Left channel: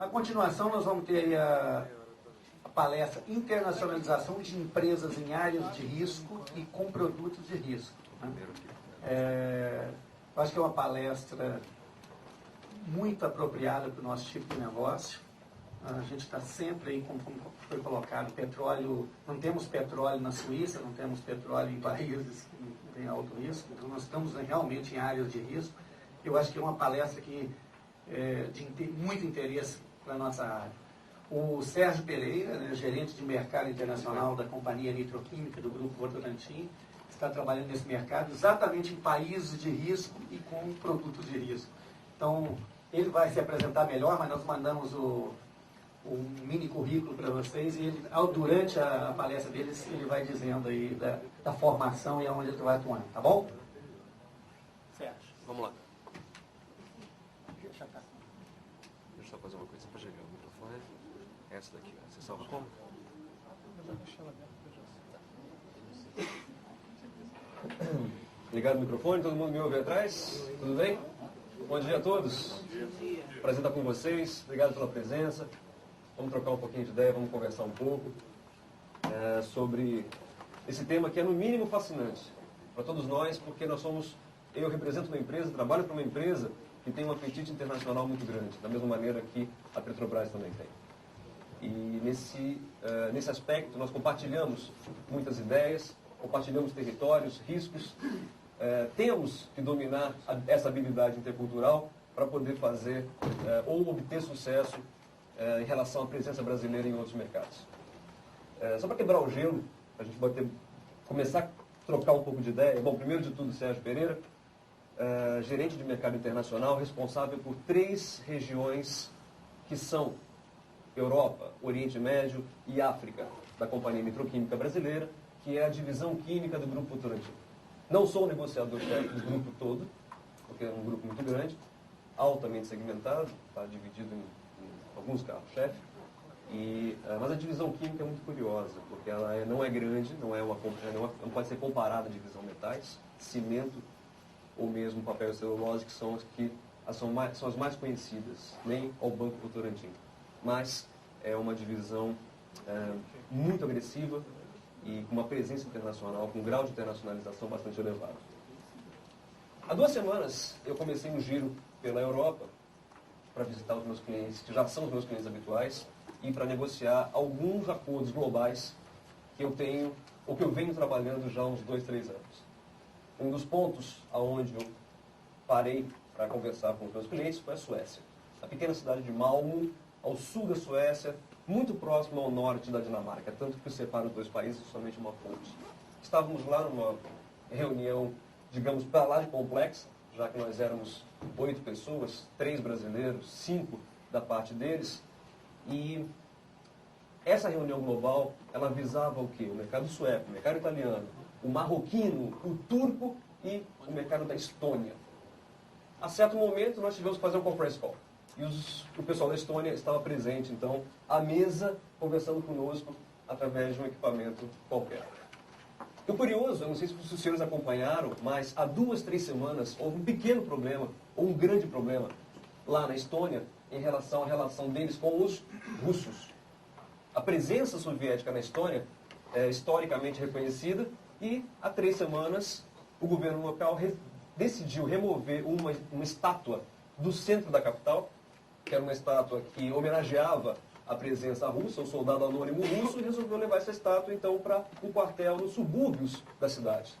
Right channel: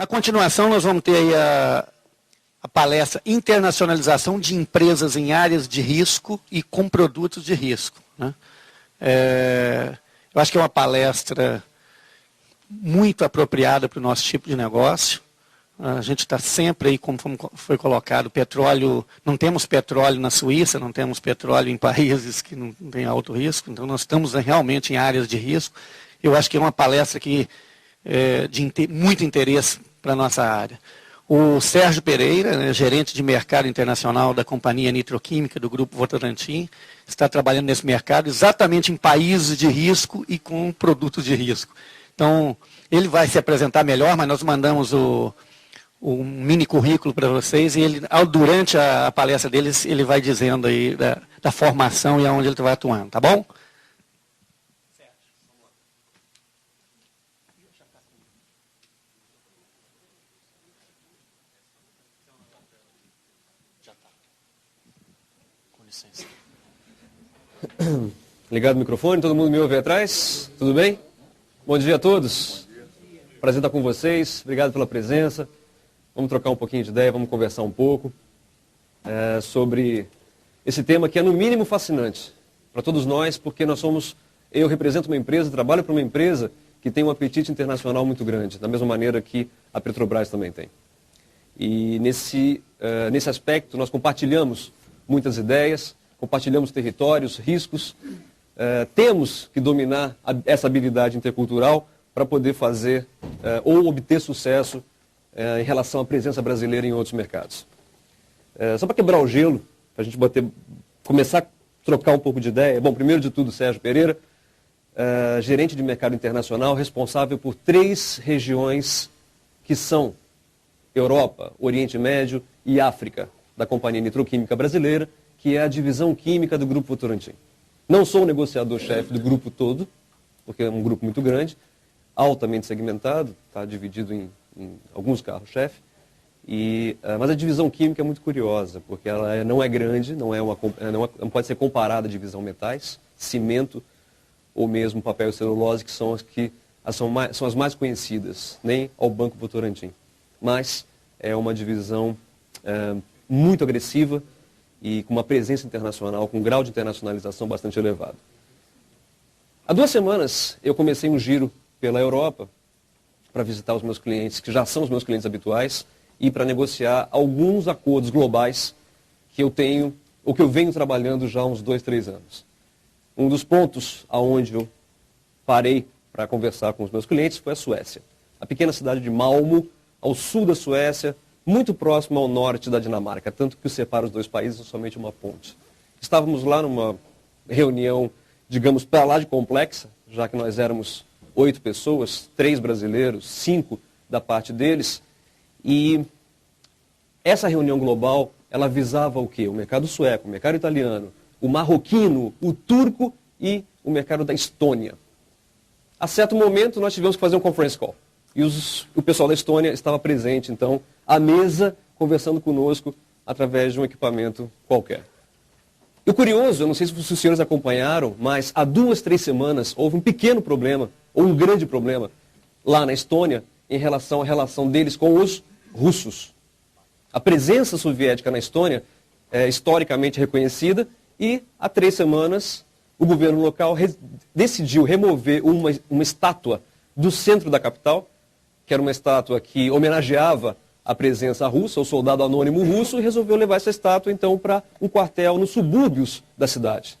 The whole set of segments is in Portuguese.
Na continuação, nós vamos ter aí a palestra Internacionalização de Empresas em Áreas de Risco e com Produtos de Risco, né? Eu acho que é uma palestra muito apropriada para o nosso tipo de negócio. A gente está sempre aí, como foi colocado, petróleo, não temos petróleo na Suíça, não temos petróleo em países que não têm alto risco, então nós estamos realmente em áreas de risco. Eu acho que é uma palestra que de muito interesse para a nossa área. O Sérgio Pereira, né, gerente de mercado internacional da companhia nitroquímica do Grupo Votorantim, está trabalhando nesse mercado exatamente em países de risco e com produtos de risco. Então, ele vai se apresentar melhor, mas nós mandamos um mini currículo para vocês e ele, durante a palestra deles, ele vai dizendo aí da formação e aonde ele vai atuando, tá bom? Sérgio, vamos lá. Deixa eu só fazer uma coisa para chegar o microfone. Essa daqui, você salva como? Ligado o microfone, todo mundo me ouve atrás? Tudo bem? Bom dia a todos. Prazer estar com vocês, obrigado pela presença. Vamos trocar um pouquinho de ideia, vamos conversar um pouco sobre esse tema que é no mínimo fascinante para todos nós, porque eu represento uma empresa, trabalho para uma empresa que tem um apetite internacional muito grande, da mesma maneira que a Petrobras também tem. E nesse aspecto nós compartilhamos muitas ideias, compartilhamos territórios, riscos, temos que dominar essa habilidade intercultural para poder fazer ou obter sucesso em relação à presença brasileira em outros mercados. Só para quebrar o gelo, para a gente começar a trocar um pouco de ideia. Bom, primeiro de tudo, Sérgio Pereira, gerente de mercado internacional, responsável por 3 regiões que são Europa, Oriente Médio e África, da Companhia Nitroquímica Brasileira, que é a divisão química do Grupo Votorantim. Não sou o negociador-chefe do grupo todo, porque é um grupo muito grande, altamente segmentado, está dividido em alguns carros-chefe, mas a divisão química é muito curiosa, porque ela não é grande, não pode ser comparada à divisão metais, cimento ou mesmo papel e celulose, que são as mais conhecidas, nem ao Banco Votorantim. Mas é uma divisão muito agressiva e com uma presença internacional, com um grau de internacionalização bastante elevado. Há 2 semanas eu comecei um giro pela Europa para visitar os meus clientes, que já são os meus clientes habituais, e para negociar alguns acordos globais que eu tenho, ou que eu venho trabalhando já há uns 2, 3 anos. Um dos pontos aonde eu parei para conversar com os meus clientes foi a Suécia. A pequena cidade de Malmo, ao sul da Suécia, muito próximo ao norte da Dinamarca, tanto que separa os 2 países é somente uma ponte. Estávamos lá numa reunião, digamos, para lá de complexa, já que nós éramos 8 pessoas, 3 brasileiros, 5 da parte deles, e essa reunião global, ela visava o quê? O mercado sueco, o mercado italiano, o marroquino, o turco e o mercado da Estônia. A certo momento, nós tivemos que fazer um conference call. E o pessoal da Estônia estava presente, então, à mesa, conversando conosco através de um equipamento qualquer. E o curioso, eu não sei se os senhores acompanharam, mas há 2, 3 semanas houve um pequeno problema, ou um grande problema, lá na Estônia, em relação à relação deles com os russos. A presença soviética na Estônia é historicamente reconhecida e, há 3 semanas, o governo local decidiu remover uma estátua do centro da capital, que era uma estátua que homenageava a presença russa, o soldado anônimo russo, e resolveu levar essa estátua, então, para um quartel nos subúrbios da cidade.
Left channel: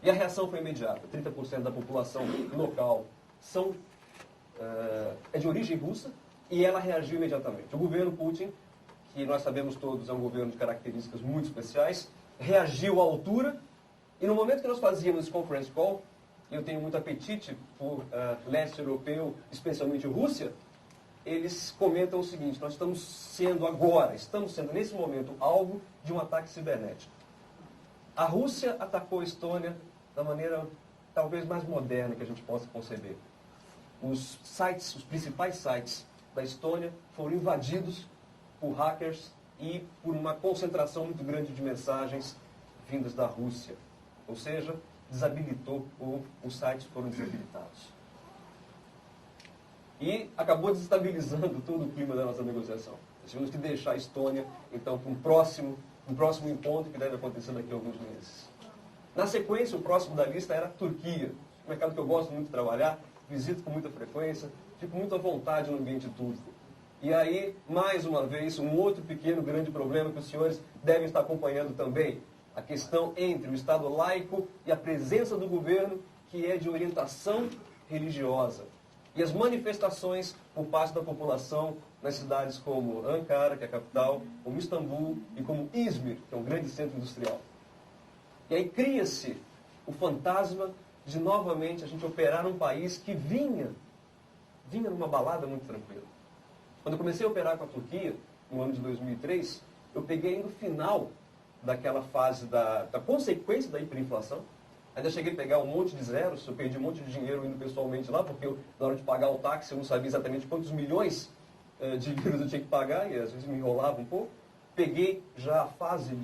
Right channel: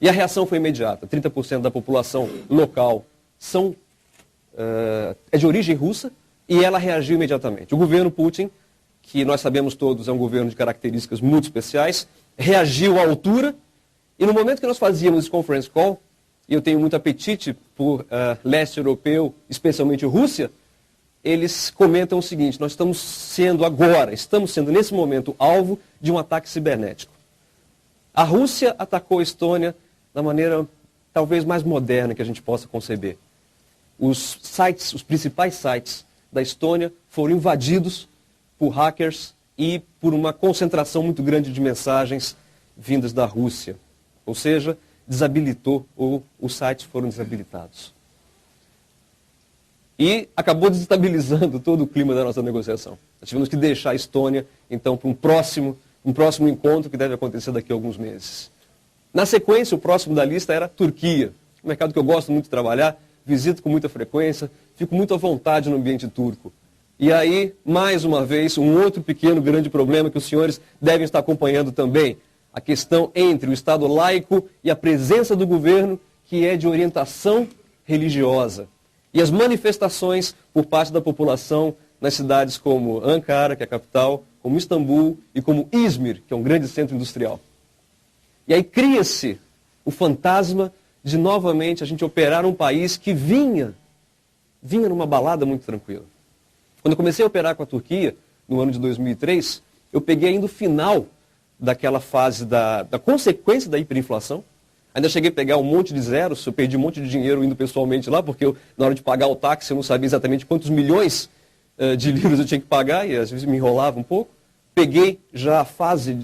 E a reação foi imediata. 30% da população local é de origem russa, e ela reagiu imediatamente. O governo Putin, que nós sabemos todos é um governo de características muito especiais, reagiu à altura, e no momento que nós fazíamos esse conference call, e eu tenho muito apetite por leste europeu, especialmente Rússia, eles comentam o seguinte: nós estamos sendo nesse momento alvo de um ataque cibernético. A Rússia atacou a Estônia da maneira talvez mais moderna que a gente possa conceber. Os principais sites da Estônia foram invadidos por hackers e por uma concentração muito grande de mensagens vindas da Rússia. Ou seja, desabilitou, ou os sites foram desabilitados. e acabou desestabilizando todo o clima da nossa negociação. Nós tivemos que deixar a Estônia, então, para um próximo encontro que deve acontecer daqui a alguns meses. Na sequência, o próximo da lista era a Turquia, um mercado que eu gosto muito de trabalhar, visito com muita frequência, fico muito à vontade no ambiente turco. E aí, mais uma vez, um outro pequeno, grande problema que os senhores devem estar acompanhando também, a questão entre o Estado laico e a presença do governo, que é de orientação religiosa. E as manifestações por parte da população nas cidades como Ankara, que é a capital, como Istambul e como Izmir, que é um grande centro industrial. E aí cria-se o fantasma de novamente a gente operar num país que vinha numa balada muito tranquila. Quando eu comecei a operar com a Turquia, no ano de 2003, eu peguei ainda o final daquela fase da consequência da hiperinflação. Ainda cheguei a pegar um monte de zeros, eu perdi um monte de dinheiro indo pessoalmente lá, porque na hora de pagar o táxi eu não sabia exatamente quantos milhões de livros eu tinha que pagar, e às vezes me enrolava um pouco. Peguei já a fase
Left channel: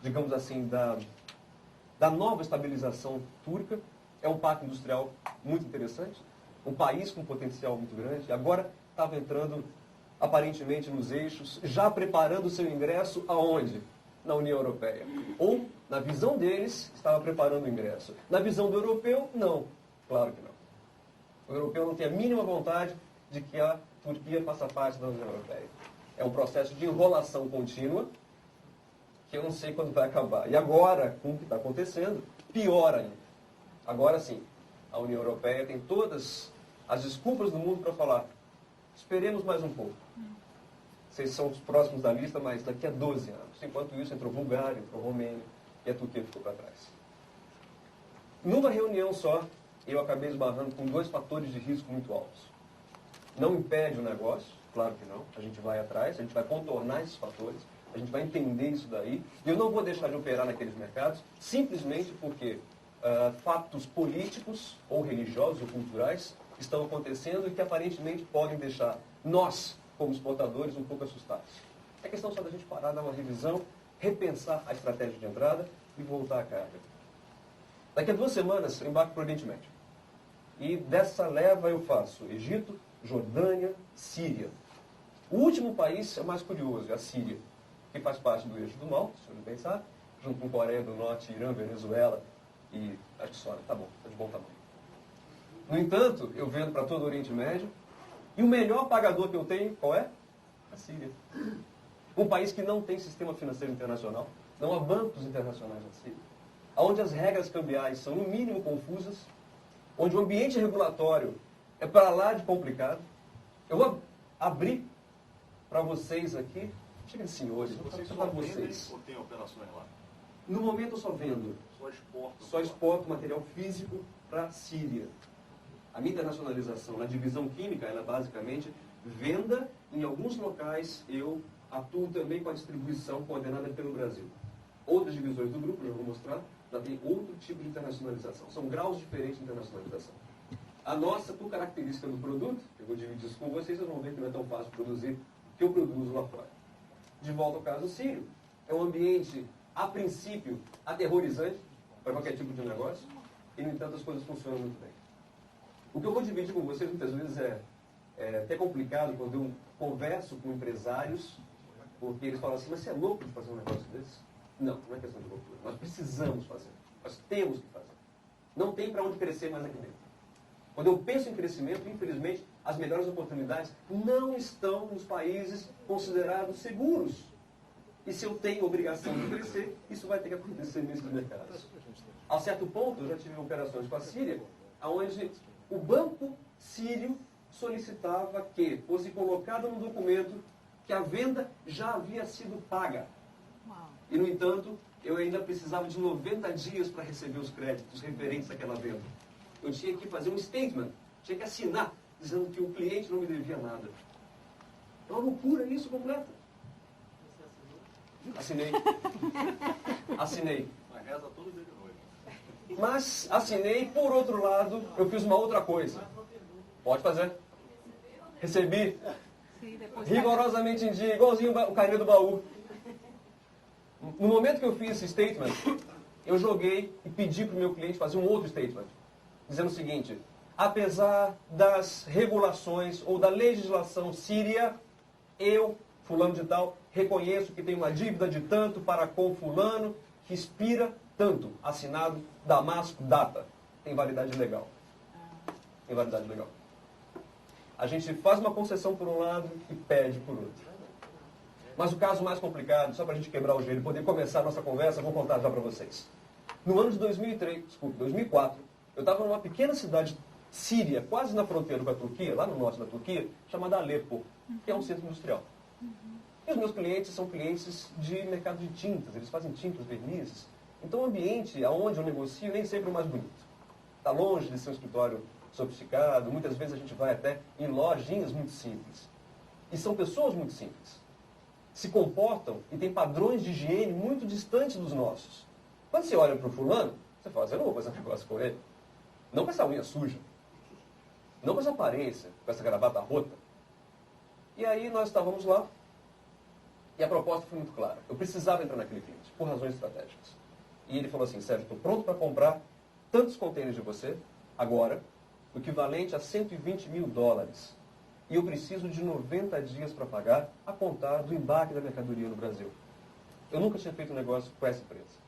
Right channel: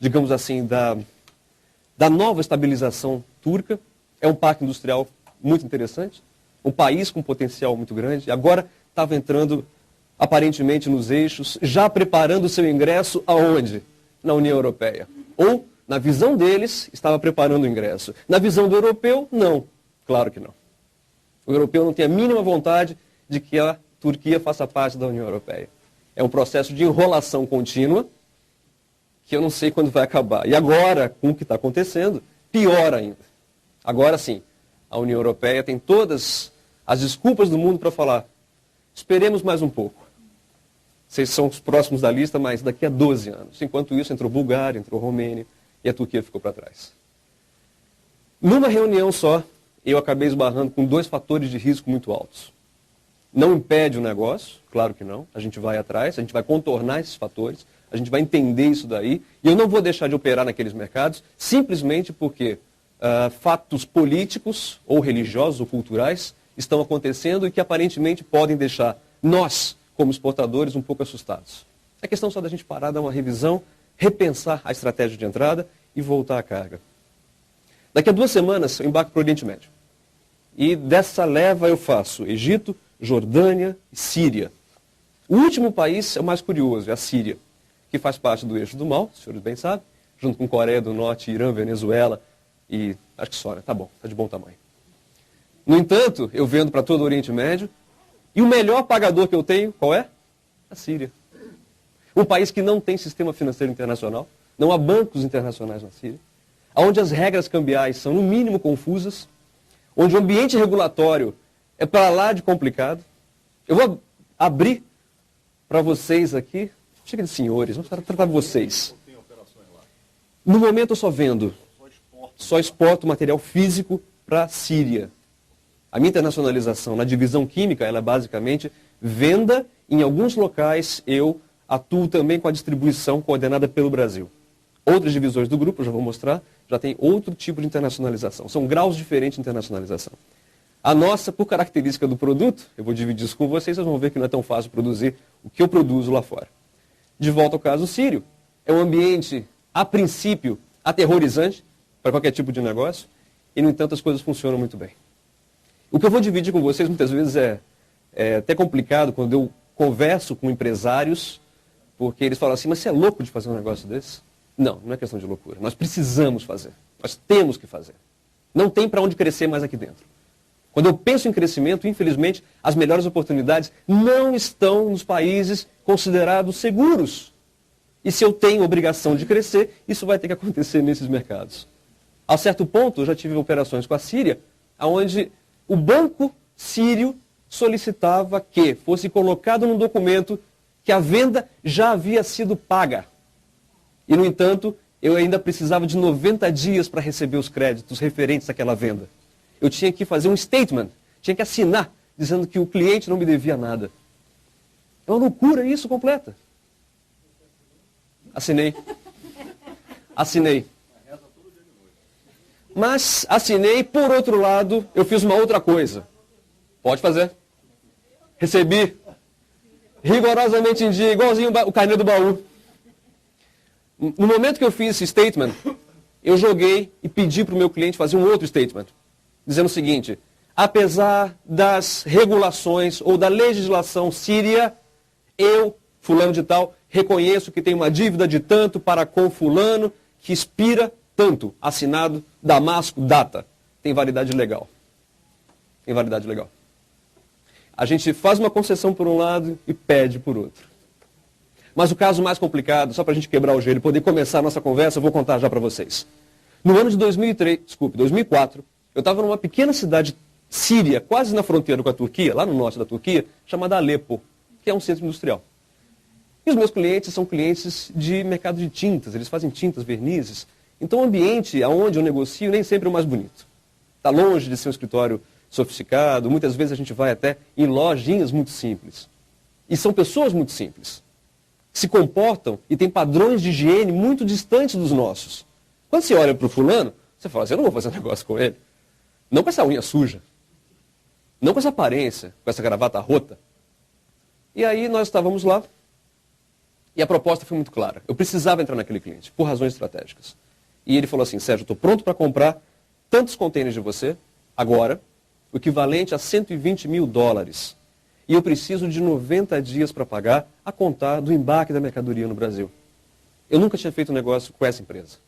digamos assim, da nova estabilização turca. É um parque industrial muito interessante, um país com potencial muito grande. Agora estava entrando aparentemente nos eixos, já preparando o seu ingresso aonde? Na União Europeia. Ou, na visão deles, estava preparando o ingresso. Na visão do europeu, não. Claro que não. O europeu não tem a mínima vontade de que a Turquia faça parte da União Europeia. É um processo de enrolação contínua que eu não sei quando vai acabar. E agora, com o que está acontecendo, pior ainda. Agora sim, a União Europeia tem todas as desculpas do mundo para falar: esperemos mais um pouco. Vocês são os próximos da lista, mas daqui a 12 anos. Enquanto isso, entrou Bulgária, entrou Romênia e a Turquia ficou para trás. Numa reunião só, eu acabei esbarrando com 2 fatores de risco muito altos. Não impede o negócio, claro que não. A gente vai atrás, a gente vai contornar esses fatores, a gente vai entender isso daí. E eu não vou deixar de operar naqueles mercados simplesmente porque fatos políticos, ou religiosos, ou culturais, estão acontecendo e que aparentemente podem deixar nós, como exportadores, um pouco assustados. É questão só da gente parar, dar uma revisão, repensar a estratégia de entrada e voltar à carga. Daqui a 2 semanas eu embarco para o Oriente Médio. E dessa leva eu faço Egito, Jordânia e Síria. O último país é o mais curioso, é a Síria, que faz parte do eixo do mal, os senhores bem sabem, junto com Coreia do Norte, Irã, Venezuela e acho que só, né? Tá bom, tá de bom tamanho. No entanto, eu vendo para todo o Oriente Médio, e o melhor pagador que eu tenho, qual é? A Síria. Um país que não tem sistema financeiro internacional, não há bancos internacionais na Síria, onde as regras cambiais são no mínimo confusas, onde o ambiente regulatório é para lá de complicado. Eu vou abrir para vocês aqui, chega de senhores, vamos tratar de vocês. No momento eu só vendo, só exporto material físico para a Síria. A minha internacionalização na divisão química, ela é basicamente venda. Em alguns locais eu atuo também com a distribuição coordenada pelo Brasil. Outras divisões do grupo, eu já vou mostrar, já tem outro tipo de internacionalização. São graus diferentes de internacionalização. A nossa, por característica do produto, eu vou dividir isso com vocês, vocês vão ver que não é tão fácil produzir o que eu produzo lá fora. De volta ao caso sírio, é um ambiente, a princípio, aterrorizante para qualquer tipo de negócio, e, no entanto, as coisas funcionam muito bem. O que eu vou dividir com vocês, muitas vezes, é até complicado quando eu converso com empresários, porque eles falam assim, mas você é louco de fazer um negócio desse? Não, não é questão de loucura. Nós precisamos fazer. Nós temos que fazer. Não tem para onde crescer mais aqui dentro. Quando eu penso em crescimento, infelizmente, as melhores oportunidades não estão nos países considerados seguros. E se eu tenho obrigação de crescer, isso vai ter que acontecer nesses mercados. A certo ponto, eu já tive operações com a Síria, onde o banco sírio solicitava que fosse colocado num documento que a venda já havia sido paga. E, no entanto, eu ainda precisava de 90 dias para receber os créditos referentes àquela venda. Eu tinha que fazer um statement, tinha que assinar, dizendo que o cliente não me devia nada. É uma loucura isso completa. Assinei. Assinei. Mas assinei, por outro lado, eu fiz uma outra coisa. Pode fazer. Recebi rigorosamente em dia, igualzinho o carnê do baú. No momento que eu fiz esse statement, eu joguei e pedi para o meu cliente fazer um outro statement, dizendo o seguinte: apesar das regulações ou da legislação síria, eu, fulano de tal, reconheço que tenho uma dívida de tanto para com fulano, que expira tanto, assinado Damasco, data. Tem validade legal. Tem validade legal. A gente faz uma concessão por um lado e pede por outro. Mas o caso mais complicado, só para a gente quebrar o gelo e poder começar a nossa conversa, eu vou contar já para vocês. No ano de 2004, eu estava numa pequena cidade síria, quase na fronteira com a Turquia, lá no norte da Turquia, chamada Alepo, que é um centro industrial. E os meus clientes são clientes de mercado de tintas, eles fazem tintas, vernizes. Então o ambiente aonde eu negocio nem sempre é o mais bonito. Está longe de ser um escritório sofisticado, muitas vezes a gente vai até em lojinhas muito simples. E são pessoas muito simples. Se comportam e têm padrões de higiene muito distantes dos nossos. Quando você olha para o fulano, você fala assim, eu não vou fazer um negócio com ele. Não com essa unha suja. Não com essa aparência, com essa gravata rota. E aí nós estávamos lá e a proposta foi muito clara. Eu precisava entrar naquele cliente, por razões estratégicas. E ele falou assim, Sérgio, eu estou pronto para comprar tantos contêineres de você, agora, o equivalente a $120 mil. E eu preciso de 90 dias para pagar, a contar do embarque da mercadoria no Brasil. Eu nunca tinha feito um negócio com essa empresa.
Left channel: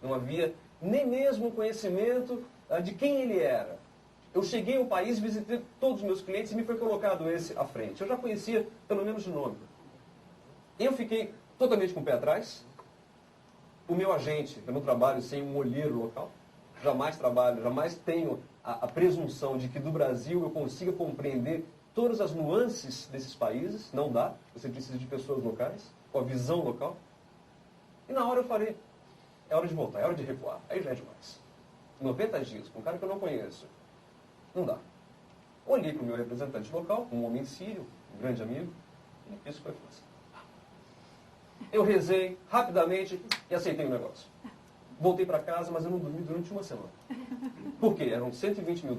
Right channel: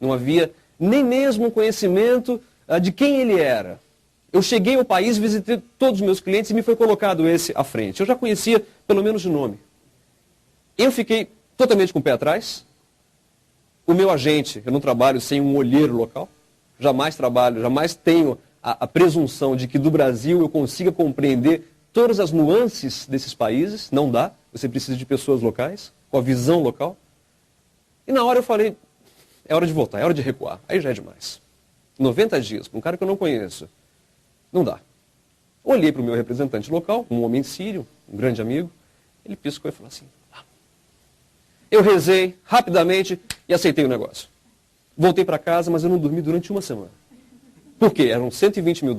Não havia nem mesmo conhecimento de quem ele era. Eu cheguei ao país, visitei todos os meus clientes e me foi colocado esse à frente. Eu já conhecia, pelo menos de nome. Eu fiquei totalmente com o pé atrás. O meu agente, eu não trabalho sem um olheiro local. Jamais trabalho, jamais tenho a presunção de que do Brasil eu consiga compreender todas as nuances desses países. Não dá. Você precisa de pessoas locais, com a visão local. E na hora eu falei, é hora de voltar, é hora de recuar. Aí já é demais. 90 dias, com um cara que eu não conheço. Não dá. Olhei para o meu representante local, um homem sírio, um grande amigo. Ele piscou e falou assim, eu rezei rapidamente e aceitei o negócio. Voltei para casa, mas eu não dormi durante uma semana. Por quê? Eram $120 mil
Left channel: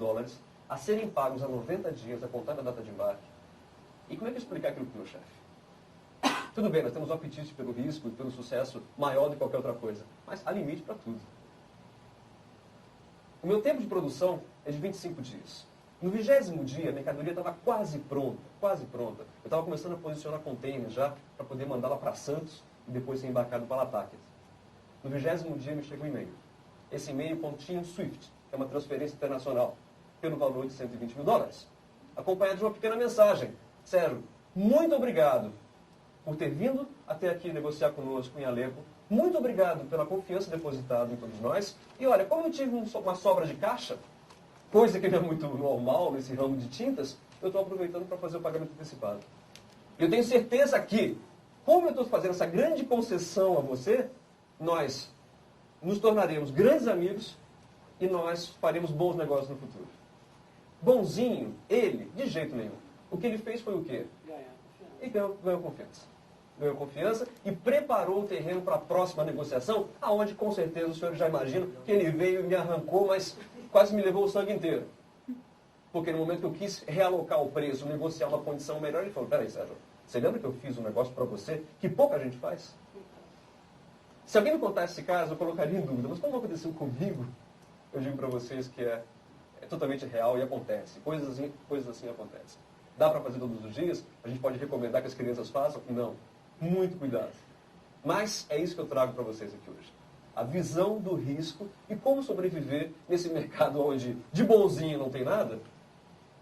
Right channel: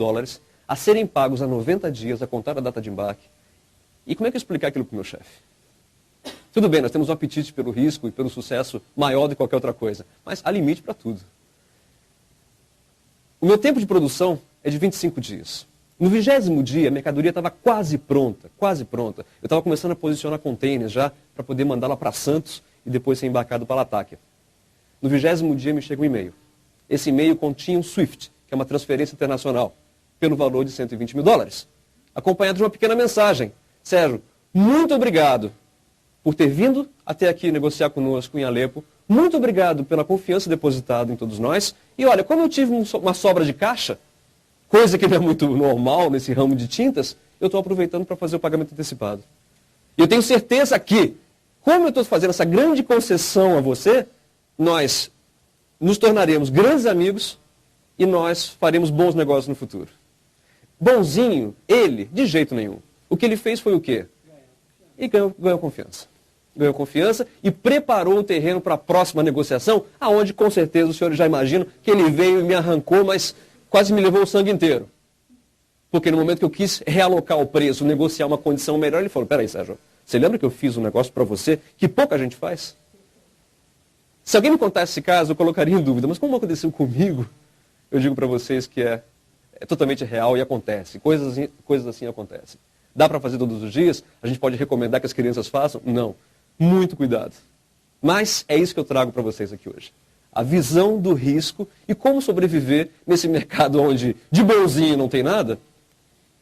a serem pagos a 90 dias, a contar a data de embarque. E como é que eu explicar aquilo para o meu chefe? Tudo bem, nós temos um apetite pelo risco e pelo sucesso maior do que qualquer outra coisa, mas há limite para tudo. O meu tempo de produção é de 25 dias. No 20º dia, a mercadoria estava quase pronta, quase pronta. Eu estava começando a posicionar containers já para poder mandá-la para Santos e depois ser embarcado para Latáquia. No 20º dia me chega um e-mail. Esse e-mail continha um SWIFT, que é uma transferência internacional, pelo valor de $120 mil, acompanhado de uma pequena mensagem. Sérgio, muito obrigado por ter vindo até aqui negociar conosco em Alepo. Muito obrigado pela confiança depositada em todos nós. E olha, como eu tive uma sobra de caixa, coisa que não é muito normal nesse ramo de tintas, eu estou aproveitando para fazer o pagamento antecipado. E eu tenho certeza que, como eu estou fazendo essa grande concessão a você, nós nos tornaremos grandes amigos e nós faremos bons negócios no futuro. Bonzinho, ele, de jeito nenhum. O que ele fez foi o quê? E ganhou confiança. Ganhou confiança e preparou o terreno para a próxima negociação, aonde com certeza o senhor já imagina que ele veio e me arrancou, mas quase me levou o sangue inteiro. Porque no momento que eu quis realocar o preço, negociar uma condição melhor, ele falou, peraí, Sérgio, você lembra que eu fiz um negócio para você que pouca gente faz? Se alguém me contasse esse caso, eu colocaria em dúvida, mas como aconteceu comigo, eu digo para vocês que é totalmente real e acontece. Coisas assim acontecem. Dá para fazer todos os dias? A gente pode recomendar que as crianças façam? Não. Muito cuidado. Mas é isso que eu trago para vocês aqui hoje. A visão do risco e como sobreviver nesse mercado onde de bonzinho não tem nada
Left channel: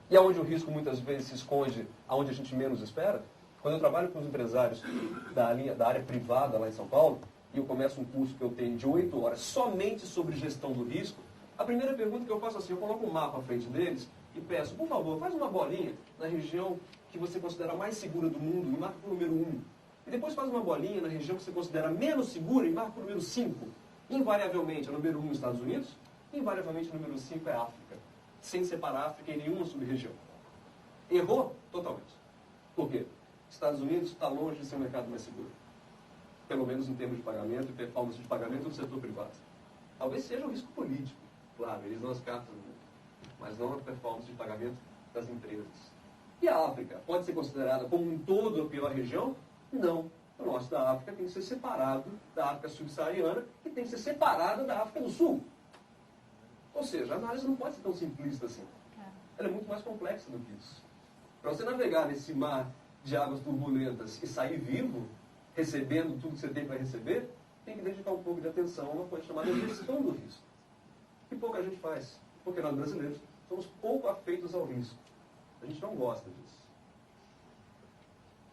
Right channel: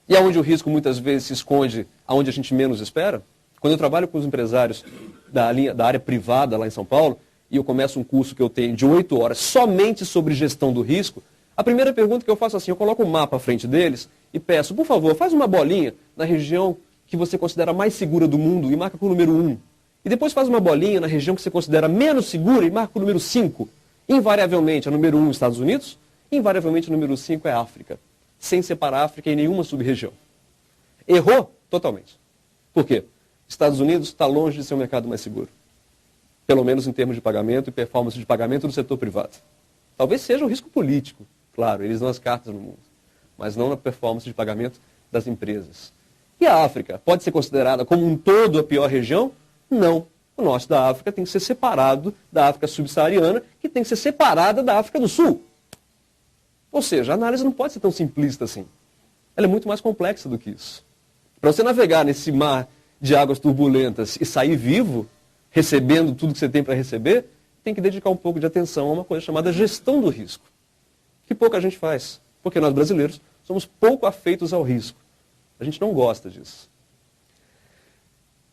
e onde o risco muitas vezes se esconde aonde a gente menos espera. Quando eu trabalho com os empresários da área privada lá em São Paulo e eu começo um curso que eu tenho de 8 horas somente sobre gestão do risco, a primeira pergunta que eu faço é assim, eu coloco um mapa à frente deles e peço, por favor, faz uma bolinha na região que você considera mais segura do mundo e marca com o número 1. E depois faz uma bolinha na região que você considera menos segura e marca com o número 5. Invariavelmente, a número 1 é Estados Unidos, invariavelmente o número 5 é África, sem separar a África em nenhuma sub-região. Errou totalmente. Por quê? Estados Unidos está longe de ser o mercado mais seguro. Pelo menos em termos de pagamento e performance de pagamento do setor privado. Talvez seja um risco político, claro, eles dão as cartas no mundo, mas não na performance de pagamento das empresas. E a África pode ser considerada como um todo a pior região? Não. O norte da África tem que ser separado da África subsaariana, que tem que ser separada da África do Sul. Ou seja, a análise não pode ser tão simplista assim. ela é muito mais complexa do que isso. Para você navegar nesse mar de águas turbulentas e sair vivo, recebendo tudo que você tem para receber, tem que dedicar um pouco de atenção a uma coisa chamada gestão do risco, que pouca gente faz, porque nós brasileiros somos pouco afeitos ao risco. A gente não gosta disso.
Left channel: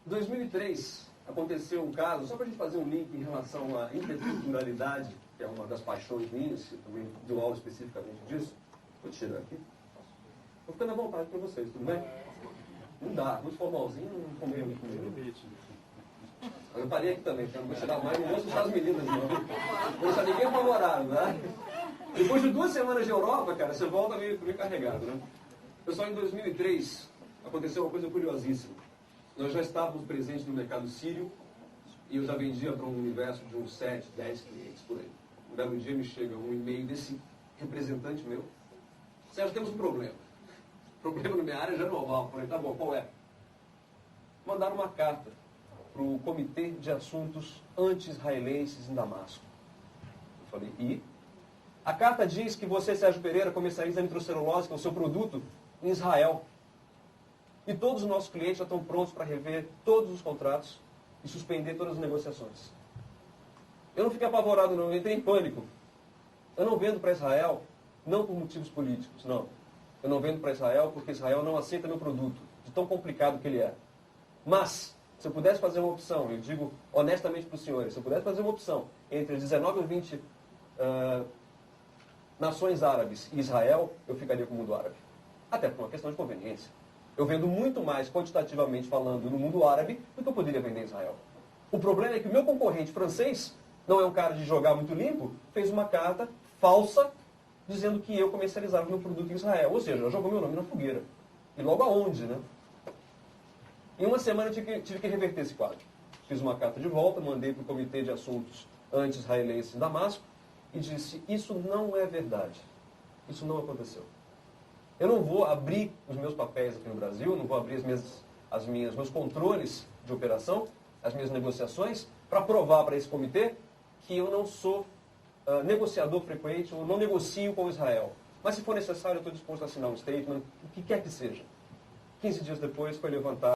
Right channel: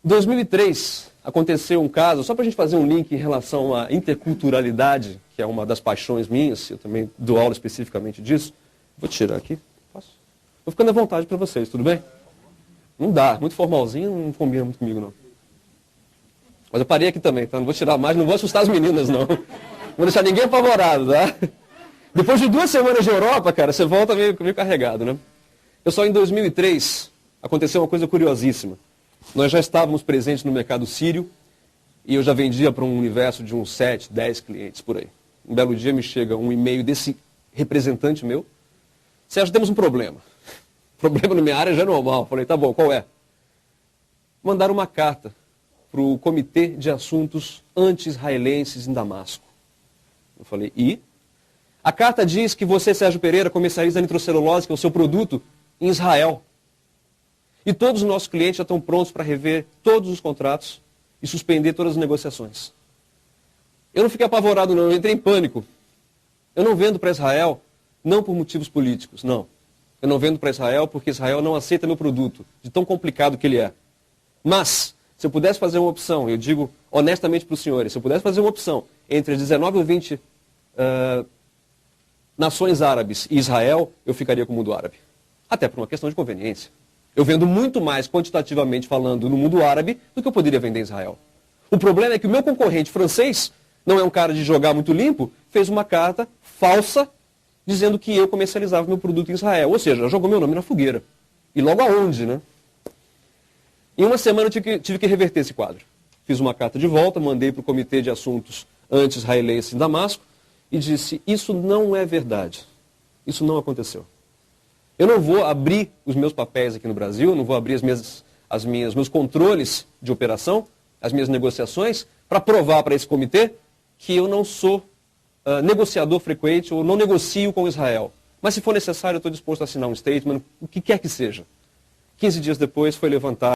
Em 2003, aconteceu um caso, só para a gente fazer um link em relação à interculturalidade, que é uma das paixões minhas, eu também dou aula especificamente disso. Vou tirar aqui. Posso? Vou ficando à vontade para vocês, tudo bem? Não dá, muito formalzinho, não combina muito comigo, não. Mas eu parei aqui também, tá? Não vou tirar mais, não vou assustar as meninas, não. Não vou deixar ninguém apavorado, tá? Depois de 2 semanas de Europa, cara, você volta meio carregado, né? Pessoal, em 2003, aconteceu uma coisa curiosíssima. Nós já estávamos presentes no mercado sírio e eu já vendia para um universo de uns 7, 10 clientes por aí. Um belo dia me chega um e-mail desse representante meu. Sérgio, temos um problema. Problema na minha área já é normal. Falei, tá bom, qual é? Mandaram uma carta para o Comitê de Assuntos Anti-Israelenses em Damasco. Eu falei, e? A carta diz que você, Sérgio Pereira, comercializa nitrocelulose, que é o seu produto, em Israel. E todos os nossos clientes já estão prontos para rever todos os contratos e suspender todas as negociações. Eu não fiquei apavorado, não. Eu entrei em pânico. Eu não vendo para Israel, não por motivos políticos, não. Eu não vendo para Israel porque Israel não aceita meu produto, de tão complicado que ele é. Mas, se eu pudesse fazer uma opção, eu digo honestamente para os senhores, se eu pudesse fazer uma opção entre as 19 ou 20 nações árabes e Israel, eu ficaria com o mundo árabe. Até por uma questão de conveniência. Eu vendo muito mais quantitativamente falando no mundo árabe do que eu poderia vender em Israel. O problema é que o meu concorrente francês, não é um cara de jogar muito limpo, fez uma carta falsa dizendo que eu comercializava meu produto em Israel. Ou seja, jogou meu nome na fogueira. E logo aonde, né? Em uma semana eu tive que reverter esse quadro. Fiz uma carta de volta, mandei para o Comitê de Assuntos Anti-Israelenses em Damasco e disse, isso não é verdade. Isso não aconteceu. Eu não vou abrir os meus papéis aqui no Brasil, não vou abrir meus controles de operação, as minhas negociações, para provar para esse comitê que eu não sou negociador frequente ou não negocio com Israel. Mas se for necessário, eu estou disposto a assinar um statement, o que quer que seja. 15 dias depois foi levantado